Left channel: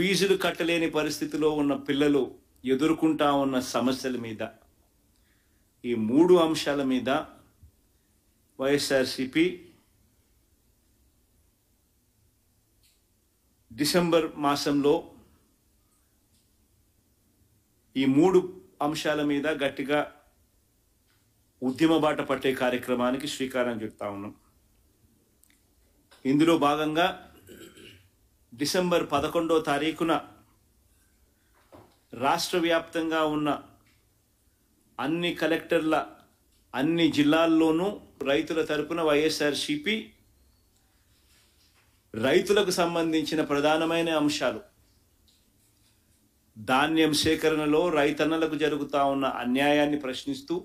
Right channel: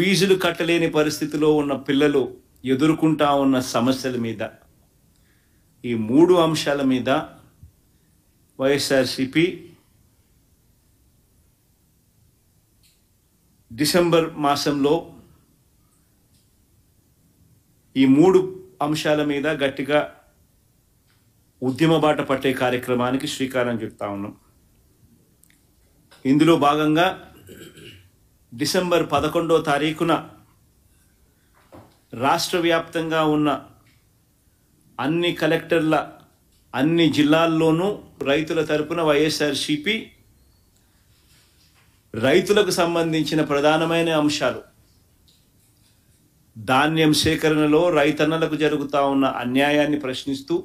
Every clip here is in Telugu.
ఫీజులు కట్టలేని పరిస్థితిలో ఉన్న పిల్లలు ఎదుర్కొంటా ఉన్న సమస్యల మీద, ఈ 3 అంశాల మీద వైఎస్ఆర్సీపీ డిసెంబర్ మాసంలో ఈ 3 అంశాల మీద గట్టిగా ఉద్యమ బాట పట్టే కార్యక్రమానికి శ్రీకారం చుడతా ఉన్నాం. ఇందులో భాగంగా డిసెంబర్ 11వ తారీఖున రాష్ట్ర వ్యాప్తంగా ఉన్న అన్ని కలెక్టర్ల అన్ని జిల్లాల్లోనూ రైతుల తరపున వైఎస్ఆర్సీపీ రైతులకు సంబంధించిన ప్రధానమైన అంశాలు, ధాన్యం సేకరణలో రైతన్నలకు జరుగుతూ ఉన్న అన్యాయాన్ని ప్రశ్నిస్తూ,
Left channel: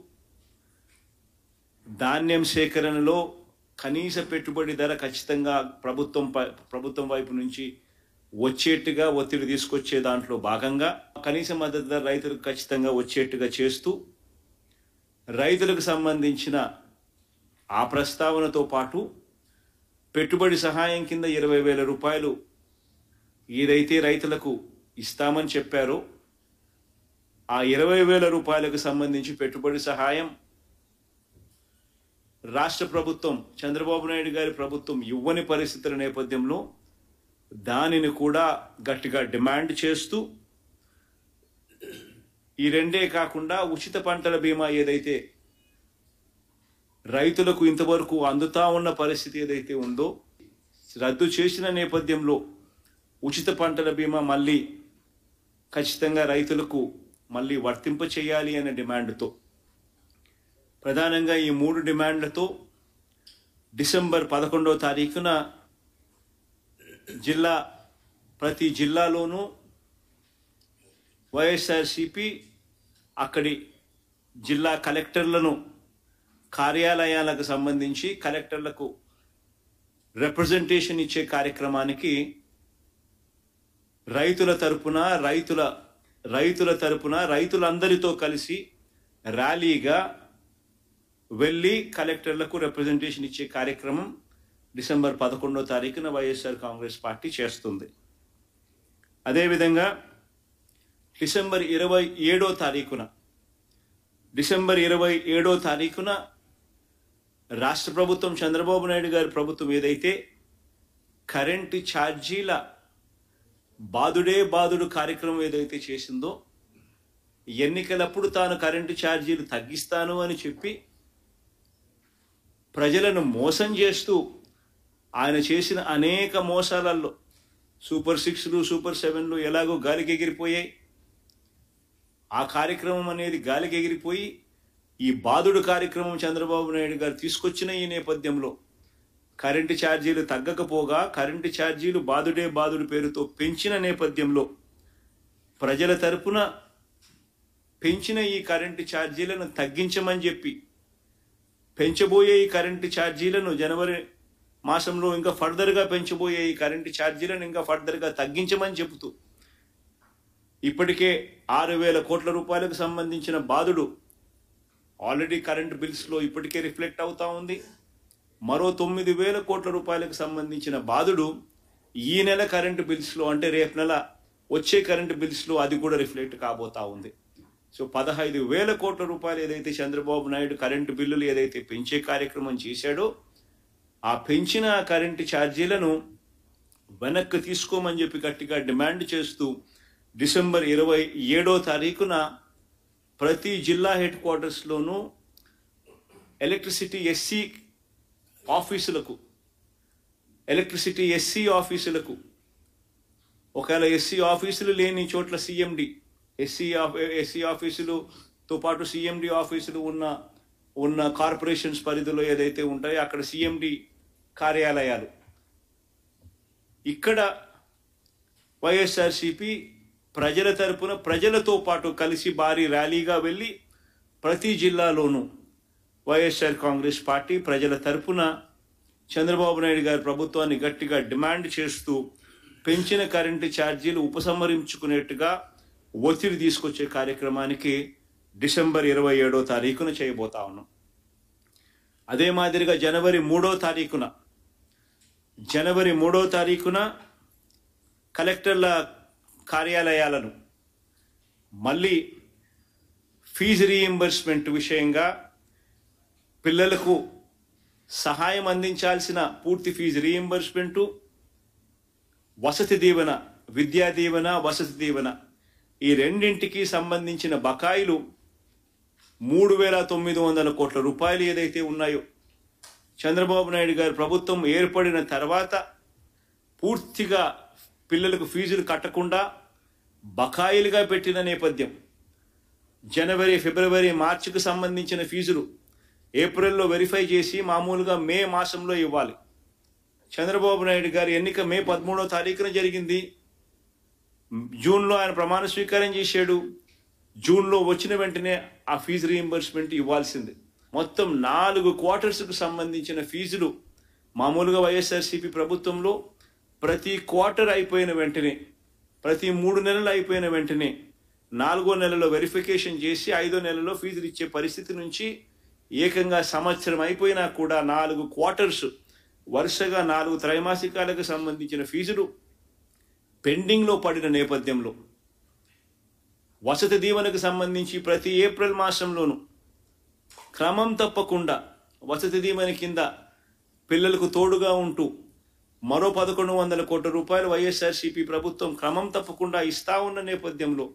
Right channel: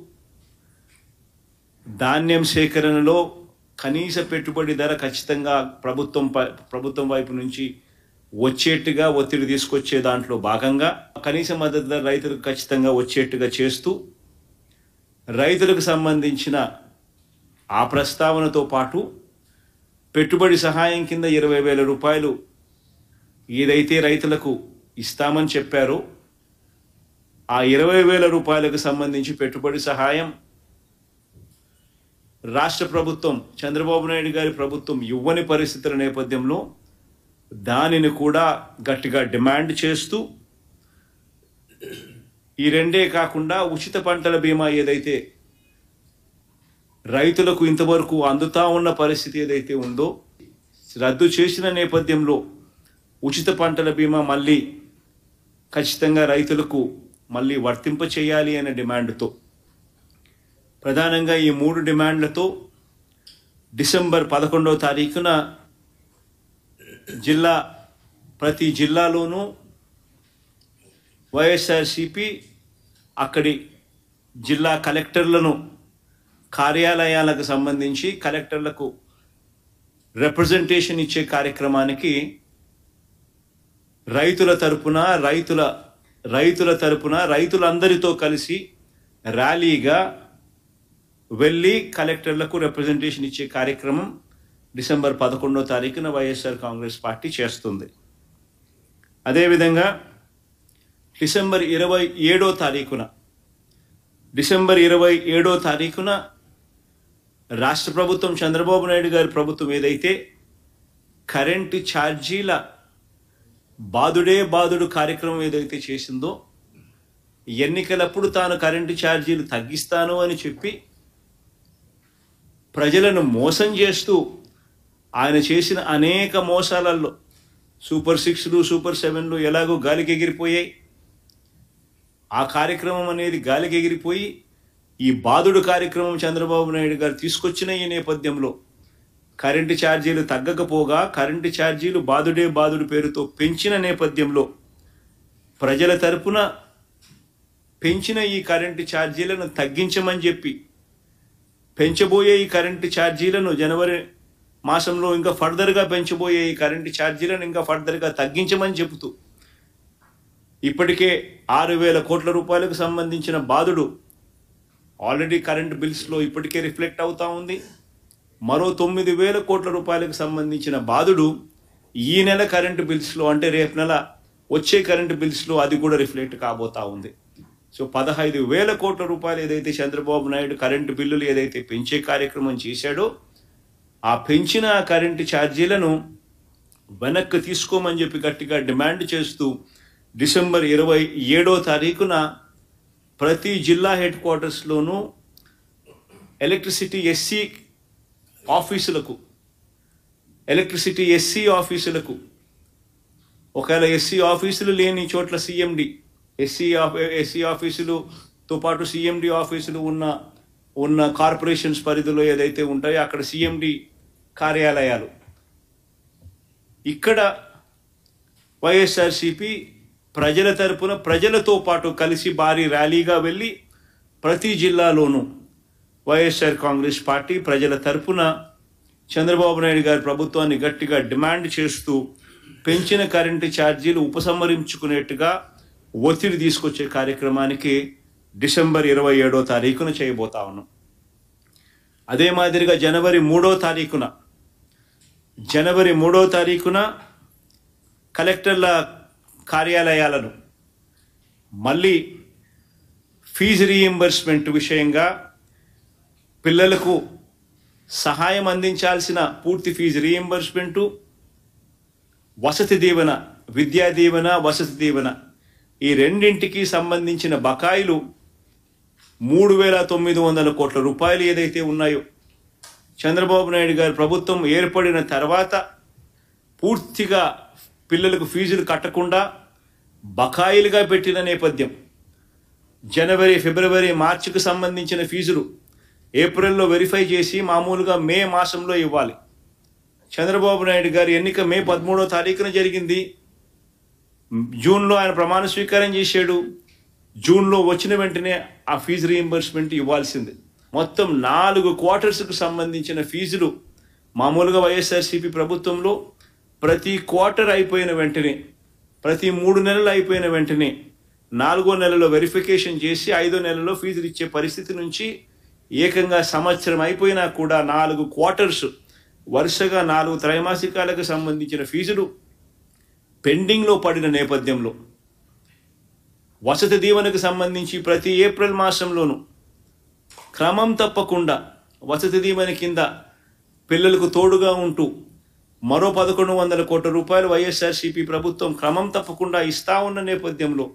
ధాన్యం సేకరణలో కనీస పెట్టుబడి ధర ఖచ్చితంగా ప్రభుత్వం వైపు నుంచి వచ్చేట్టుగా ఒత్తిడి తీసుకొచ్చే దాంట్లో భాగంగా కనీస మద్దతు ధర రైతులకు ఖచ్చితంగా వచ్చేట్టుగా చేస్తూ, రైతులకు సంబంధించిన ఆ ప్రస్తావనతో పాటు పెట్టుబడి సహాయం కింద 20,000 రూపాయలు ఏదైతే రైతులకు ఇస్తామని చెప్పారో ఆ 20,000 రూపాయలకు సంబంధించి పెట్టుబడి సహాయం రాష్ట్ర ప్రభుత్వం, చంద్రబాబు నాయుడు గారి ప్రభుత్వం ఇవ్వని పరిస్థితుల నేపథ్యంలో దానిని కూడా గట్టిగా డిమాండ్ చేస్తూ, ఈ రెండే కాకుండా ఉచిత పంటల బీమా ఏదైతే రైతులకు ఇంతవరకు అందుతా ఉన్న పరిస్థితి ఏదైతే ఉందో రద్దు చేసిన నేపథ్యంలో ఉచిత పంటల బీమా మళ్ళీ ఖచ్చితంగా రైతులకు మళ్ళీ వర్తింప చేయాలి అనే డిమాండ్తో, ప్రధానంగా ఈ 3 డిమాండ్లతో డిసెంబర్ 11వ తారీఖున ప్రతి జిల్లాలోనూ వైఎస్ఆర్సీపీ అక్కడి జిల్లా కలెక్టర్లను కార్యాలయాలకు సంబంధించి కలెక్టర్లకు రిప్రజెంటేషన్ ఇచ్చే కార్యక్రమానికి రైతులందరితో కలిసి ర్యాలీగా వెళ్ళి కలెక్టర్లకు రిప్రజెంటేషన్ ఇచ్చే కార్యక్రమం డిసెంబర్ 11వ తారీఖున వైఎస్ఆర్ కాంగ్రెస్ పార్టీ చేస్తుంది. అదేవిధంగా డిసెంబర్ 27వ తారీఖున రాష్ట్ర ప్రభుత్వం, చంద్రబాబు నాయుడు గారి ప్రభుత్వం ఏదైతే కరెంటు ఛార్జీల బాదుడు కార్యక్రమం ఏదైతే చేసిందో, ఎన్నికలప్పుడు తాను కరెంటు ఛార్జీలు తగ్గిస్తాను అని చెప్పి ప్రజలను మోసం చేస్తూ ఆయన చేసిన అనేక మోసాలలో సూపర్ 6లు సూపర్ 7లు ఎలాగో గాలికి ఎగిరిపోయాయి. ఆ కార్యక్రమం అనేది గాలికి ఎగిరిపోయి ఈ బాదుడు కార్యక్రమం చంద్రబాబు నాయుడు గారు తీసుకొచ్చిన ఈ నేపథ్యంలో కరెంటు ఛార్జీలు తగ్గకపోగా కరెంటు ఛార్జీలు బాదుడు పేరుతో పెంచిన నేపథ్యంలో ప్రజల తరపున పెంచిన ఈ కరెంటు ఛార్జీలను తగ్గించమని చెప్పి, పెంచబోయే ఈ కరెంటు ఛార్జీలను జనవరి మాసంలో ఇంకా ఫర్దర్గా పెంచబోయే ఈ కరెంటు ఛార్జీలను ఇంకా ఫర్దర్గా తగ్గించమని చెబుతూ ఇప్పటికే 6,000 కోట్ల రూపాయలకు సంబంధించిన బాదుడు ఆల్రెడీ కరెంటు బిల్స్లో ఇప్పటికే రిఫ్లెక్ట్ అవుతా ఉంది. మరో 9,000 కోట్ల రూపాయలకు సంబంధించిన బాదుడు ఈ నెల కరెంటు బిల్స్లో, అంటే రేపు నెల వచ్చే కరెంటు బిల్స్లో అది కూడా రిఫ్లెక్ట్ కాబోతా ఉంది. సో 15,000 కోట్ల రూపాయలు ఏదైతే చంద్రబాబు నాయుడు కరెంటు బిల్లులు ఏదైతే పెంచే కార్యక్రమం చేశాడో ఆ పెంచిన కరెంటు ఛార్జీలను వెనక్కి తీసుకోమని చెప్పి గట్టిగా డిమాండ్ చేస్తూ డిసెంబర్ 27వ తారీఖున ప్రతి జిల్లా హెడ్ క్వార్టర్స్లోనూ ఎలక్ట్రిసిటీ ఎస్సీ ఆఫీసులకు ఒకవేళ ఎస్సీ ఆఫీసులు లేని చోట్ల సిఎండి, ఎస్సీ ఆఫీసులతో పాటు సిఎండి ఆఫీసులు ఉన్న కార్పొరేషన్స్ పరిధిలో ఏదైతే ఉంటాయో అక్కడ సిఎండి కార్యాలయాలు, ఇక్కడ వైఎస్ఆర్సీపీ ప్రజల తరపున ప్రజలతో పాటు కలిసి భారీ ర్యాలీగా వెళ్ళి ప్రతి జిల్లాలోనూ వైఎస్ఆర్ కాంగ్రెస్ పార్టీ ప్రజల తరపున చంద్రబాబు నాయుడు గారి ప్రభుత్వాన్ని గట్టిగా డిమాండ్ చేస్తూ పెంచిన కరెంటు ఛార్జీలు ఉపసంహరించుకునేట్టుగా ఒత్తిడి తీసుకొచ్చే కార్యక్రమానికి డిసెంబర్ 27వ తారీఖున చేయబోతా ఉన్నాం. అదే మాదిరిగా జనవరి 3వ తారీఖున కలెక్టర్ల కార్యాలయాలను మళ్ళీ ఫీజు రీయింబర్స్మెంట్ విషయంగా పిల్లలకు సహాయం అందించాల్సిన పూర్తి ఫీజు రీయింబర్స్మెంటు, వసతి దీవెన, విద్యా దీవెన, వసతి దీవెన ఈ రెండింటికి సంబంధించిన బకాయిలు 3,900 కోట్ల రూపాయలు ఏదైతే ఉన్నాయో చంద్రబాబు నాయుడు గారి ప్రభుత్వం ఏర్పడిన తర్వాత పూర్తిగా పిల్లలకు ఫీజులు కట్టకుండా బకాయిలుగా పెట్టిన నేపథ్యం. జనవరి, ఫిబ్రవరి, మార్చికి సంబంధించిన ఫీజులు ఏప్రిల్లో వెరిఫై చేసి మామూలుగా మే మాసంలో ఇవ్వాలి. చంద్రబాబు నాయుడు గారి ఎన్నిక మే 13వ తారీఖున జరిగింది. జూన్లో ఆయన ప్రమాణ స్వీకారం చేశాడు. జూన్లో వచ్చిన వెంటనే ఆ ఫీజు రీయింబర్స్మెంట్ ఇవ్వాల్సింది. మొత్తం 4 క్వార్టర్స్కు సంబంధించిన ఫీజులు మామూలుగా వైఎస్ఆర్సీపీ ప్రభుత్వంలో ప్రతి క్వార్టర్ అయిపోయిన వెంటనే, ప్రతి 3 నెలలు అయిపోయిన వెంటనే 4వ నెలలో వెరిఫికేషన్ చేసి 5వ నెలలో ఫీజులు ఇచ్చే పరిస్థితి నుంచి ఏకంగా సంవత్సరం అయిపోయినా కూడా 4 క్వార్టర్స్ వరుసగా 4 త్రైమాసికాలకు సంబంధించిన ఫీజులు పెండింగ్లో పడిన నేపథ్యంలో వసతి దీవెనకు సంబంధించి ప్రతి ఏప్రిల్ మాసంలోనూ క్రమం తప్పకుండా వసతి దీవెన కింద పిల్లలకు తోడుగా ఉంటూ మరో 1,100 కోట్ల రూపాయలు వైఎస్ఆర్సీపీ ప్రభుత్వం క్రమం తప్పకుండా ఇస్తా ఉన్న నేపథ్యంలో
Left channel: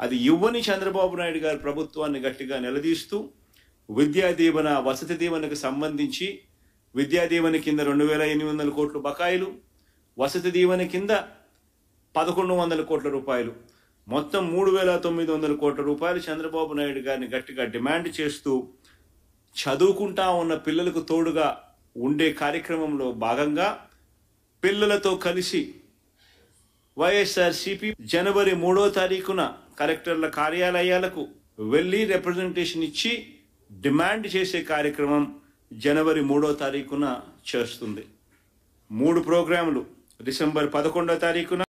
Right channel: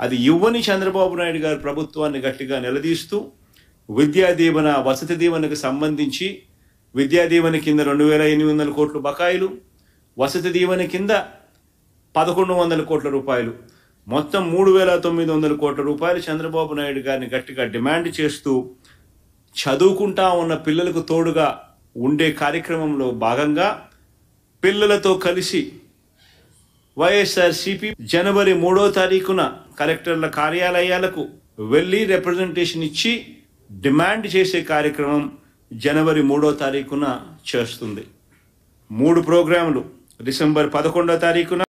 అది ఇవ్వని చంద్రబాబు నాయుడు గారి ప్రభుత్వాన్ని గట్టిగా నిలదీస్తూ విద్యా దీవెన, వసతి దీవెనకు సంబంధించి విద్యా దీవెన కింద 2,800 కోట్ల బకాయిలు, వసతి దీవెన కింద 1,100 కోట్ల రూపాయలు, మొత్తం 3,900 కోట్ల రూపాయలు చంద్రబాబు నాయుడు గారిని గట్టిగా డిమాండ్ చేస్తూ చదువుకుంటా ఉన్న పిల్లలకు తోడుగా ఉండే కార్యక్రమంలో భాగంగా పిల్లలతో కలిసి వైఎస్ఆర్సీపీ జనవరి 3వ తారీఖున కలెక్టర్ల కార్యాలయాలకు వెళ్ళి రిప్రజెంటేషన్ ఇచ్చి డిమాండ్ చేసే కార్యక్రమం జనవరి 3వ తారీఖున చేస్తుంది. 3 ప్రోగ్రాములు డిసెంబర్ 11వ తారీఖున